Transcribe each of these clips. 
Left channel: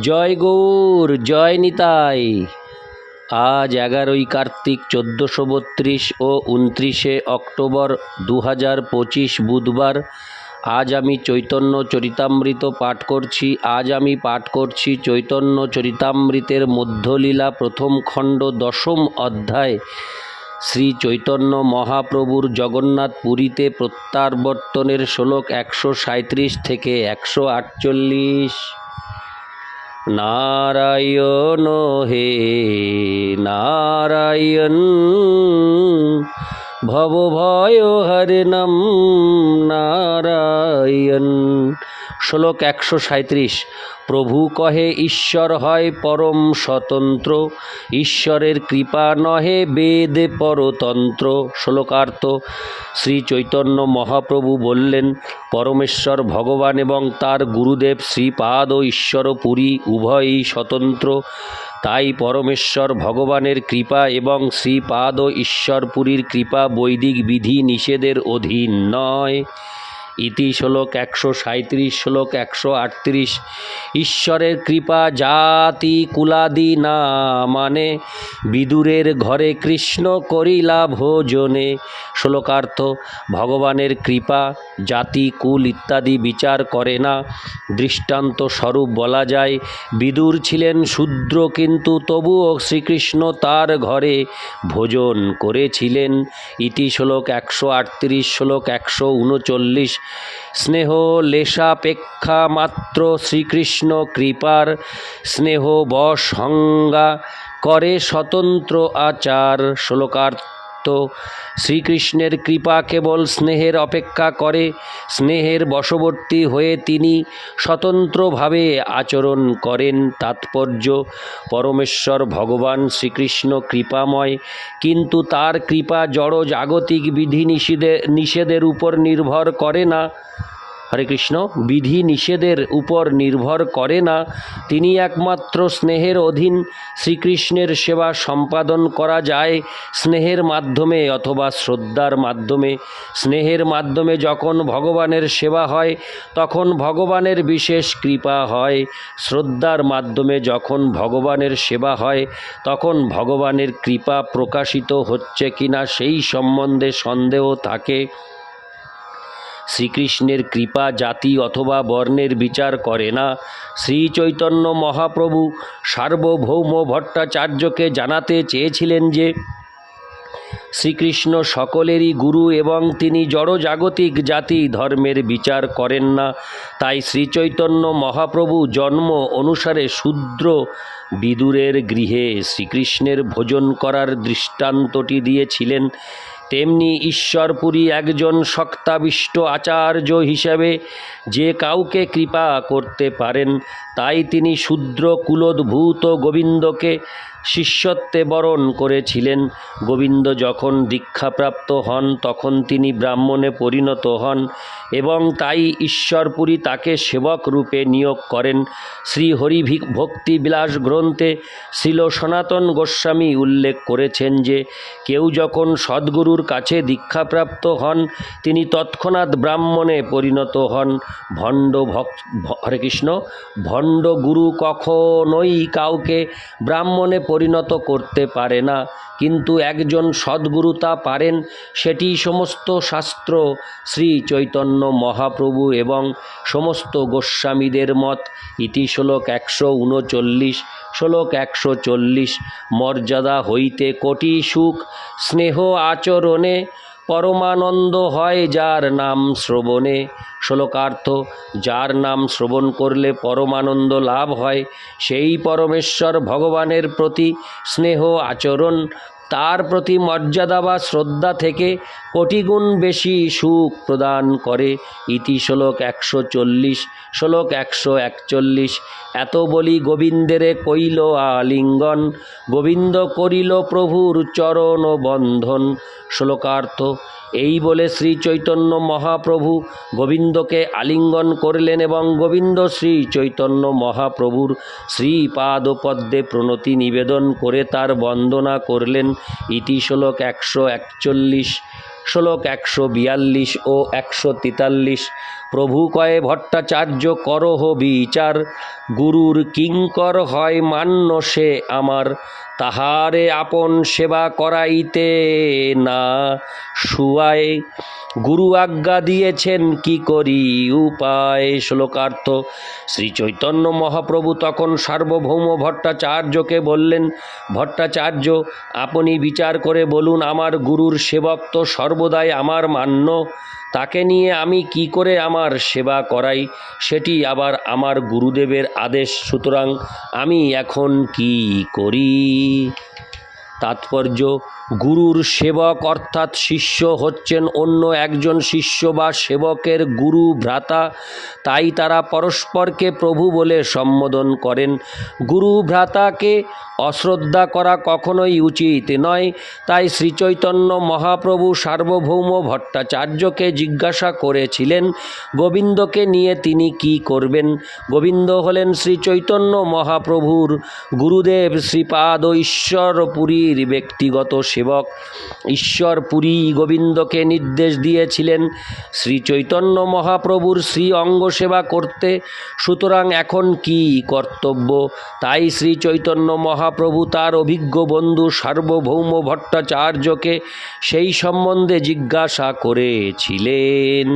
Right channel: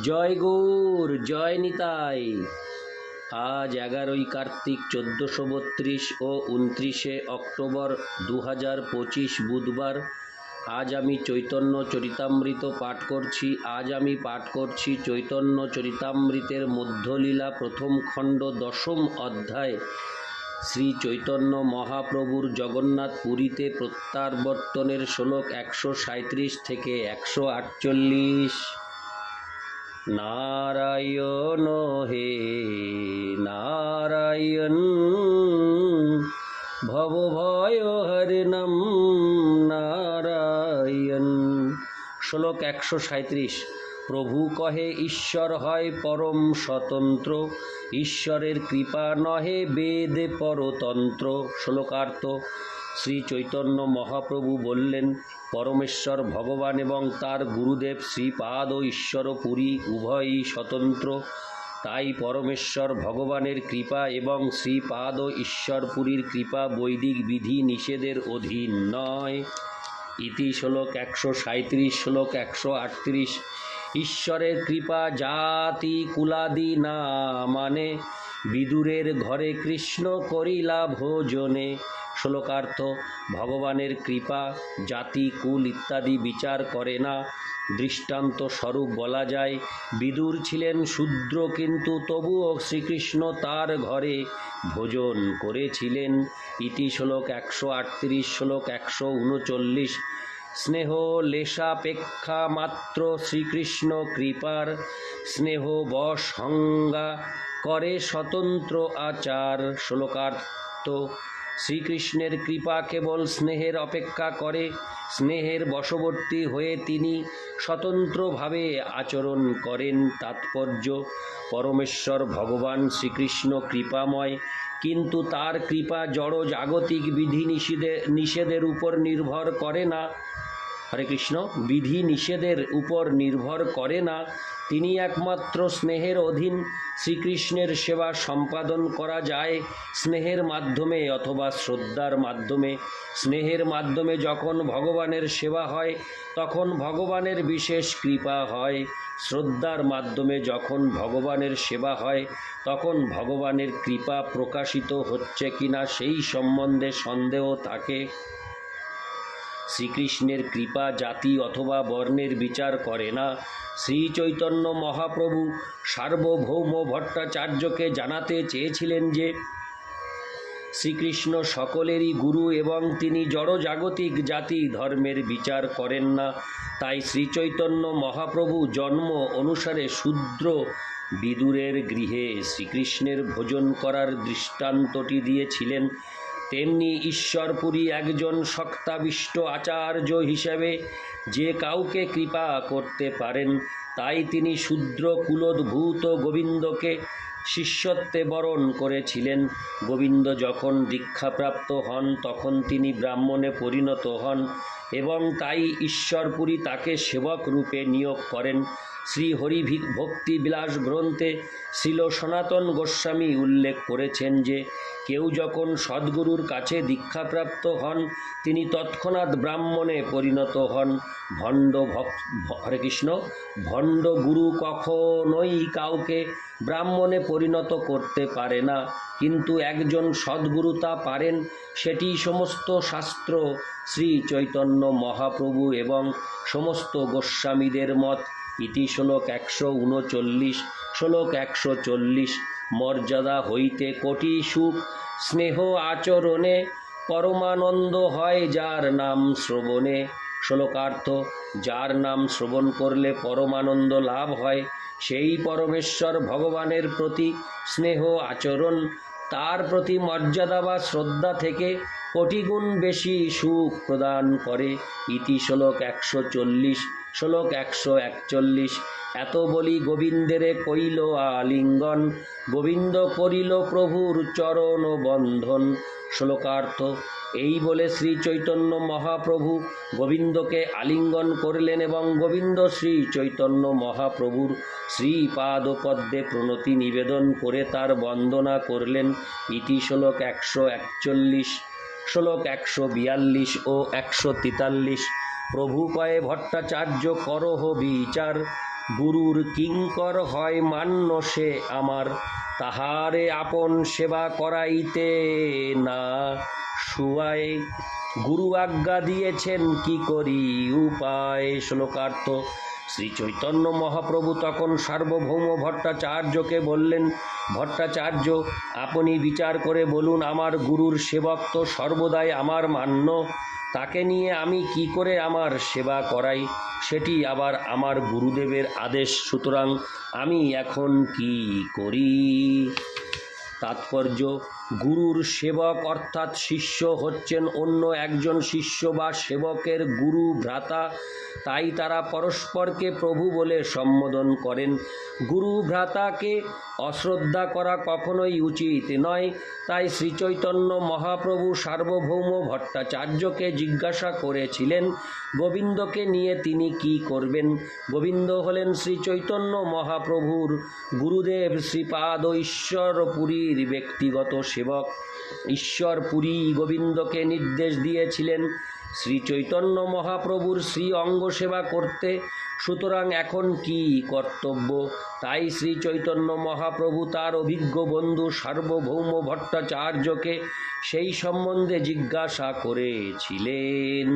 জয় গৌর, জয় নিতাই। আজ এগারোই কার্তিক চোদ্দোশো বত্রিশ ও উনত্রিশে অক্টোবর দু হাজার পঁচিশ বুধবার। আজ আমি চৈতন্য চরিতামৃত পাঠ করছি। আজ আমি পাঠ করছি চৈতন্য চরিতামৃতের মধ্যলীলা প্রথম খণ্ড দশম অধ্যায়। শ্রী চৈতন্য মহাপ্রভুর জগন্নাথ পুরীতে প্রত্যাবর্তনের শ্লোক একশো সাঁত্রিশ থেকে একশো আটচল্লিশ। নারায়ণ হে নারায়ণ ভব ভয় হরে নম নারায়ণ। শ্লোক একশো সাঁত্রিশ প্রভু কহে, ঈশ্বর হয় পরম স্বতন্ত্র। ঈশ্বরের কৃপা নহে বেদ পরতন্ত্র। শ্লোকার্থ শ্রী চৈতন্য মহাপ্রভু বললেন, পরমেশ্বর ভগবান এবং তার গুরুদেব শ্রীপাদ ও ঈশ্বর পুরী উভয়ই স্বতন্ত্র। তাই পরমেশ্বর ভগবানের কৃপা এবং শ্রীপাদ ও ঈশ্বরপুরীর কৃপা বৈদিক বিধি নিষেধের অধীন নয়। ইতি শ্লোক একশো সাঁত্রিশ শ্লোক একশো আটত্রিশ। ঈশ্বরের কৃপা জাতি কুলাদি না মানে বিদুরের ঘরে কৃষ্ণ করিলা ভোজনে। শ্লোকার্থ, ভগবানের কৃপা জাতি কুল ইত্যাদি বিচার করে না। দৃষ্টান্ত স্বরূপ বলা যায়, বিদুর ছিলেন শূদ্র কিন্তু তবুও শ্রীকৃষ্ণ তার ঘরে ভোজন করেছিলেন। ইতি শ্লোক একশো আটত্রিশ, শ্লোক একশো উনচল্লিশ স্নেহ লেশাপেক্ষা মাত্র শ্রীকৃষ্ণ কৃপার স্নেহ হঙ্গা করে স্বতন্ত্র আচার শ্লোকার্থ শ্রীকৃষ্ণের কৃপা কেবল স্নেহের অপেক্ষা করে, স্নেহের বশবর্তী হয়ে তিনি স্বতন্ত্রভাবে আচরণ করেন তাৎপর্য। পরমেশ্বর ভগবান শ্রীকৃষ্ণ কৃপাময়, কিন্তু তার কৃপা জড় জাগতিক বিধি নিষেধে নিষেধের উপর নির্ভর করে না। হরে কৃষ্ণ, বিধি নিষেধের উপর নির্ভর করে না। তিনি একমাত্র স্নেহের অধীন শ্রীকৃষ্ণের সেবা সম্পাদন করা যায় স্নেহের মাধ্যমে অথবা শ্রদ্ধার মাধ্যমে। স্নেহের মাধ্যমে যখন ভগবানের সেবা হয়, তখন ভগবানের বিশেষ কৃপা হয়। শ্রদ্ধার মাধ্যমে যখন ভগবানের সেবা হয়, তখন ভগবানের কৃপা প্রকাশিত হচ্ছে কিনা সেই সম্বন্ধে সন্দেহ থাকে। শ্রীকৃষ্ণের কৃপা জাতি অথবা বর্ণের বিচার করে না। শ্রী চৈতন্য মহাপ্রভু সার্বভৌম ভট্টাচার্যকে জানাতে চেয়েছিলেন যে, শ্রীকৃষ্ণ সকলেরই গুরু এবং তিনি জড়জাগতিক জাতি ধর্মের বিচার করেন না। তাই শ্রীচৈতন্য মহাপ্রভু জন্ম অনুসারে শূদ্র বিদুরের গৃহে শ্রীকৃষ্ণের ভোজন করার দৃষ্টান্তটি দিয়েছিলেন। তেমনি ঈশ্বরপুরী একজন শক্তাবিষ্ট আচার্য হিসাবে যে কাউকে কৃপা করতে পারেন, তাই তিনি শূদ্র কুলোদ্ভূত গোবিন্দকে শিষ্যত্বে বরণ করেছিলেন। গোবিন্দ যখন দীক্ষাপ্রাপ্ত হন, তখন তিনি ব্রাহ্মণে পরিণত হন এবং তাই ঈশ্বরপুরী তাকে সেবক রূপে নিয়োগ করেন। শ্রী হরি ভক্তি বিলাস গ্রন্থে শ্রীল সনাতন গোস্বামী উল্লেখ করেছেন যে, কেউ যখন সদ্গুরুর কাছে দীক্ষাপ্রাপ্ত হন, তিনি তৎক্ষণাৎ ব্রাহ্মণে পরিণত হন। ভণ্ড হরে কৃষ্ণ, ভণ্ড গুরু কখনোই কাউকে ব্রাহ্মণে পরিণত করতে পারে না। কিন্তু একজন সদ্গুরু তা পারেন, সেটি সমস্ত শাস্ত্র, শ্রী চৈতন্য মহাপ্রভু এবং সমস্ত গোস্বামীদের মত। ইতি শ্লোক একশো উনচল্লিশ, শ্লোক একশো চল্লিশ, মর্যাদা হইতে কোটি সুখ, স্নেহ আচরণে পরমানন্দ হয় যার নাম শ্রবণে। শ্লোকার্থ, যার নাম শ্রবণ করলে পরমানন্দ লাভ হয়, সেই পরমেশ্বর ভগবানের প্রতি স্নেহ আচরণ, তার প্রতি মর্যাদা বা শ্রদ্ধা থেকে কোটিগুণ বেশি সুখ প্রদান করে। ইতি শ্লোক একশো চল্লিশ, শ্লোক একশো একচল্লিশ। এত বলি গোবিন্দের কইল আলিঙ্গন, গোবিন্দ করিল প্রভুর চরণ বন্ধন। শ্লোকার্থ, এই বলে শ্রী চৈতন্য মহাপ্রভু গোবিন্দকে আলিঙ্গন করলেন এবং গোবিন্দ শ্রী চৈতন্য মহাপ্রভুর শ্রীপাদপদ্মে প্রণতি নিবেদন করে তার বন্দনা করলেন। ইতি শ্লোক একশো একচল্লিশ, শ্লোক একশো বিয়াল্লিশ ও একশো তেতাল্লিশ। প্রভু কয়ে, ভট্টাচার্য, করহ বিচার। গুরুর কিঙ্কর হয় মান্য সে আমার, তাহারে আপন সেবা করাইতে না শুয়ায়। গুরু আজ্ঞা দিয়েছেন, কি করি উপায়? শ্লোকার্থ শ্রী চৈতন্য মহাপ্রভু তখন সার্বভৌম ভট্টাচার্যকে বললেন, ভট্টাচার্য, আপনি বিচার করে বলুন, আমার গুরুর সেবক তো সর্বদাই আমার মান্য। তাকে নিয়ে আমি কি করে আমার সেবা করাই, সেটি আবার আমার গুরুদেবের আদেশ। সুতরাং আমি এখন কি করি? তাৎপর্য গুরুর সেবক অর্থাৎ শিষ্য হচ্ছেন অন্য একজন শিষ্য বা সেবকের গুরু ভ্রাতা, তাই তারা পরস্পরকে প্রভু বলে সম্বোধন করেন। গুরু ভ্রাতাকে অশ্রদ্ধা করা কখনোই উচিত নয়। তাই শ্রীচৈতন্য মহাপ্রভু সার্বভৌম ভট্টাচার্যকে জিজ্ঞাসা করেছিলেন, গোবিন্দকে নিয়ে তিনি কি করবেন? গোবিন্দ হলেন শ্রীচৈতন্য মহাপ্রভুর গুরুদেব। শ্রীপাদ ঈশ্বরপুরীর ব্যক্তিগত সেবক ঈশ্বরপুরী গোবিন্দকে নির্দেশ দিয়েছিলেন, শ্রী চৈতন্য মহাপ্রভুর শ্রী অঙ্গ সেবা করতে। সুতরাং এখন কি কর্তব্য? তাই শ্রী চৈতন্য মহাপ্রভু তার অভিজ্ঞ বন্ধু সার্বভৌম ভট্টাচার্যকে সেই সম্বন্ধে জিজ্ঞাসা করেছিলেন।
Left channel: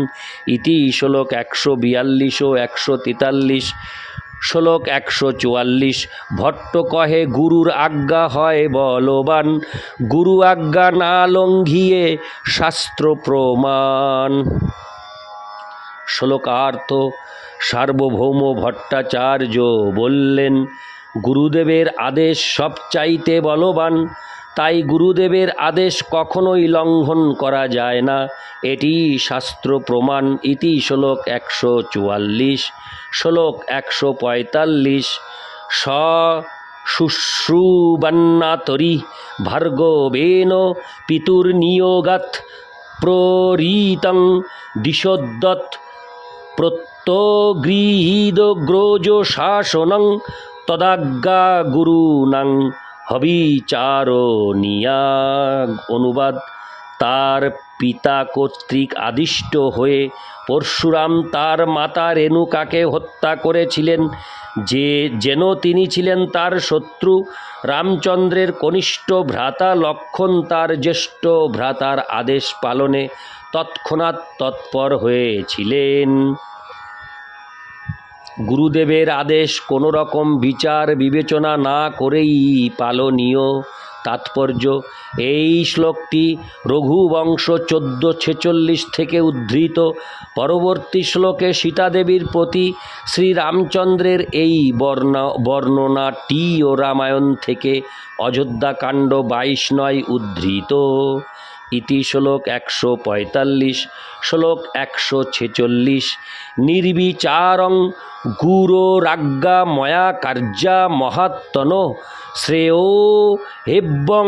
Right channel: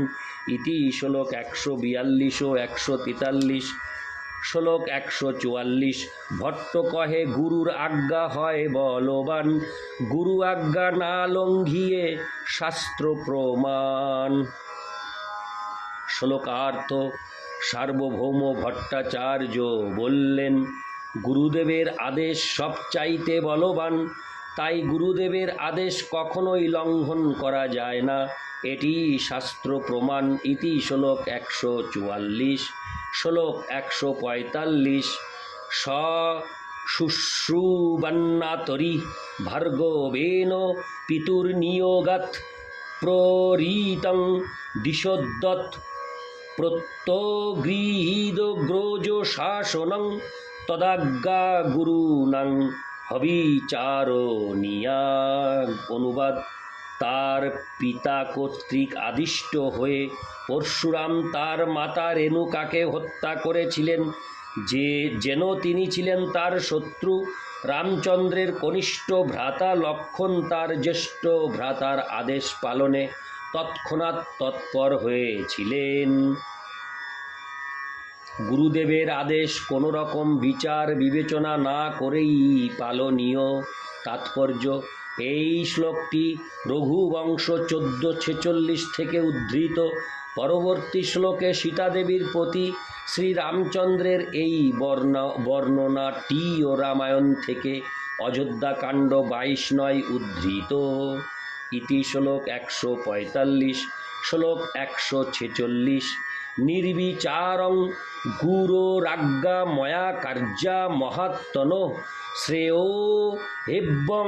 ইতি শ্লোক একশো বিয়াল্লিশ ও একশো তেতাল্লিশ। শ্লোক একশো চুয়াল্লিশ, ভট্ট কহে, গুরুর আজ্ঞা হয় বলবান। গুরু আজ্ঞা না লঙ্ঘিয়ে শাস্ত্র প্রমাণ। শ্লোকার্থ সার্বভৌম ভট্টাচার্য বললেন, গুরুদেবের আদেশ সব চাইতে বলবান। তাই গুরুদেবের আদেশ কখনোই লঙ্ঘন করা যায় না। এটি শাস্ত্র প্রমাণ। ইতি শ্লোক একশো চুয়াল্লিশ শ্লোক একশো পঁয়তাল্লিশ। স শুশ্রুবান্নাতরি ভার্গবেন পিতুর্নিয়োগাত প্ররীতং দিশোদ্দত প্রত্যগৃহীদগ্রজ শাসনং তদাজ্ঞা গুরুনাং হবিচারণীয়া অনুবাদ। তার পিতা কর্তৃক আদিষ্ট হয়ে পরশুরাম তার মাতা রেণুকাকে হত্যা করেছিলেন। যে যেন তিনি ছিলেন তার শত্রু, রামচন্দ্রের কনিষ্ঠ ভ্রাতা লক্ষণ তার জ্যেষ্ঠ ভ্রাতার আদেশ পালনে তৎক্ষণাৎ তৎপর হয়েছিলেন। গুরুদেবের আদেশ কোনো রকম বিচার বিবেচনা না করেই পালনীয়। তাৎপর্য। এই শ্লোকটি রঘুবংশ চোদ্দ ছেচল্লিশ থেকে উদ্ধৃত। পরবর্তী শ্লোকে সীতাদেবীর প্রতি শ্রীরামচন্দ্রের এই বর্ণা বর্ণনাটি ও রামায়ণ থেকে অযোধ্যাকাণ্ড বাইশ নয় উদ্ধৃত। ইতি শ্লোক একশো পঁয়তাল্লিশ, শ্লোক একশো ছেচল্লিশ। নির্বিচারং গুরোরাজ্ঞা ময়া কার্যা মহাত্তন শ্রেয় হেব্বং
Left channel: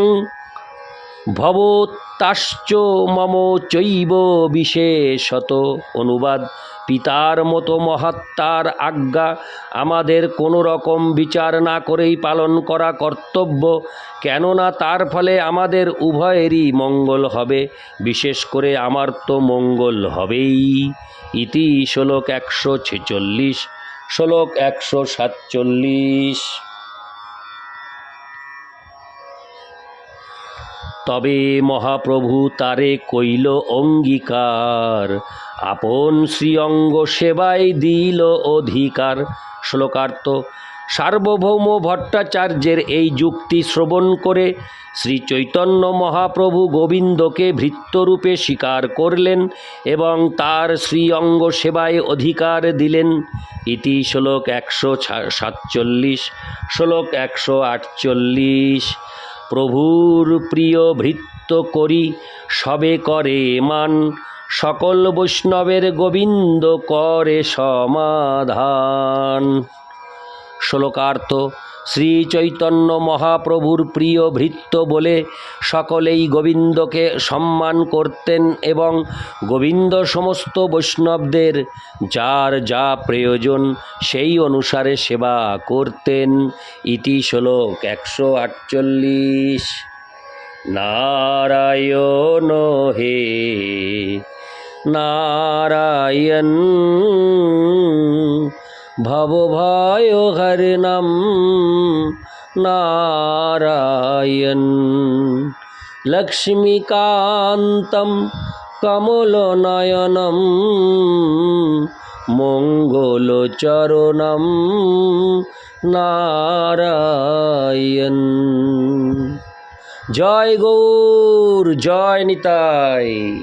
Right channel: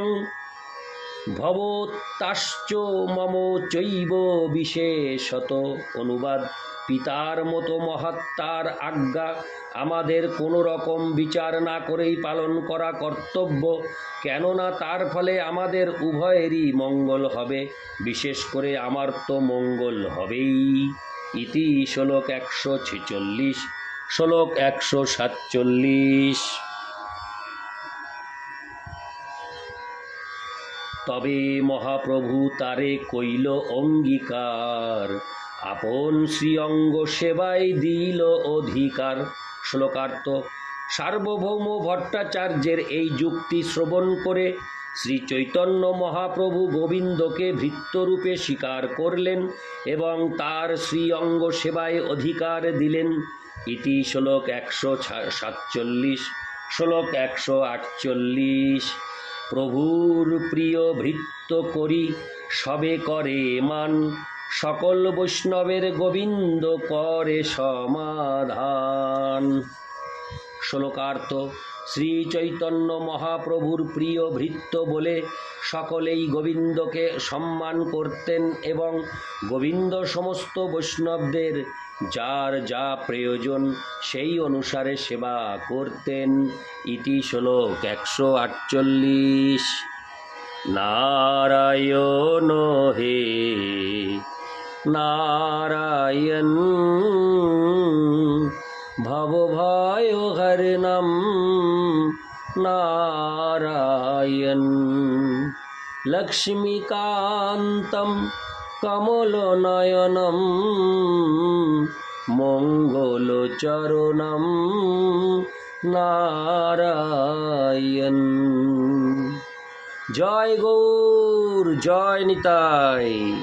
ভবতাশ্চ মম চৈব বিশেষত। অনুবাদ পিতার মতো মহাত্মার আজ্ঞা। আমাদের কোনো রকম বিচার না করেই পালন করা কর্তব্য। কেননা তার ফলে আমাদের উভয়েরই মঙ্গল হবে। বিশেষ করে আমার তো মঙ্গল হবেই। ইতি শ্লোক একশো ছেচল্লিশ, শ্লোক একশো সাতচল্লিশ। তবে মহাপ্রভু তারে কইল অঙ্গীকার। আপন শ্রীঅঙ্গ সেবায় দিল অধিকার। শ্লোকার্থ, সার্বভৌম ভট্টাচার্যের এই যুক্তি শ্রবণ করে শ্রী চৈতন্য মহাপ্রভু গোবিন্দকে ভৃত্যরূপে স্বীকার করলেন এবং তার শ্রী অঙ্গ সেবায় অধিকার দিলেন। ইতি শ্লোক একশো সাতচল্লিশ, শ্লোক একশো আটচল্লিশ। প্রভুর প্রিয় ভৃত্য করি, সবে করে মান সকল বৈষ্ণবের গোবিন্দ করে সমাধান। শ্লোকার্থ শ্রী চৈতন্য মহাপ্রভুর প্রিয় ভৃত্য বলে সকলেই গোবিন্দকে সম্মান করতেন এবং গোবিন্দ সমস্ত বৈষ্ণবদের যার যা প্রয়োজন সেই অনুসারে সেবা করতেন। ইতি শ্লোক একশো আটচল্লিশ। নারায়ণ হে নারায়ণ। ভবভয় হরি নাম নারায়ণ। লক্ষ্মীকান্তম কমলনয়নম মঙ্গলচরণম নারায়ণ। জয় গৌর জয় নিতাই।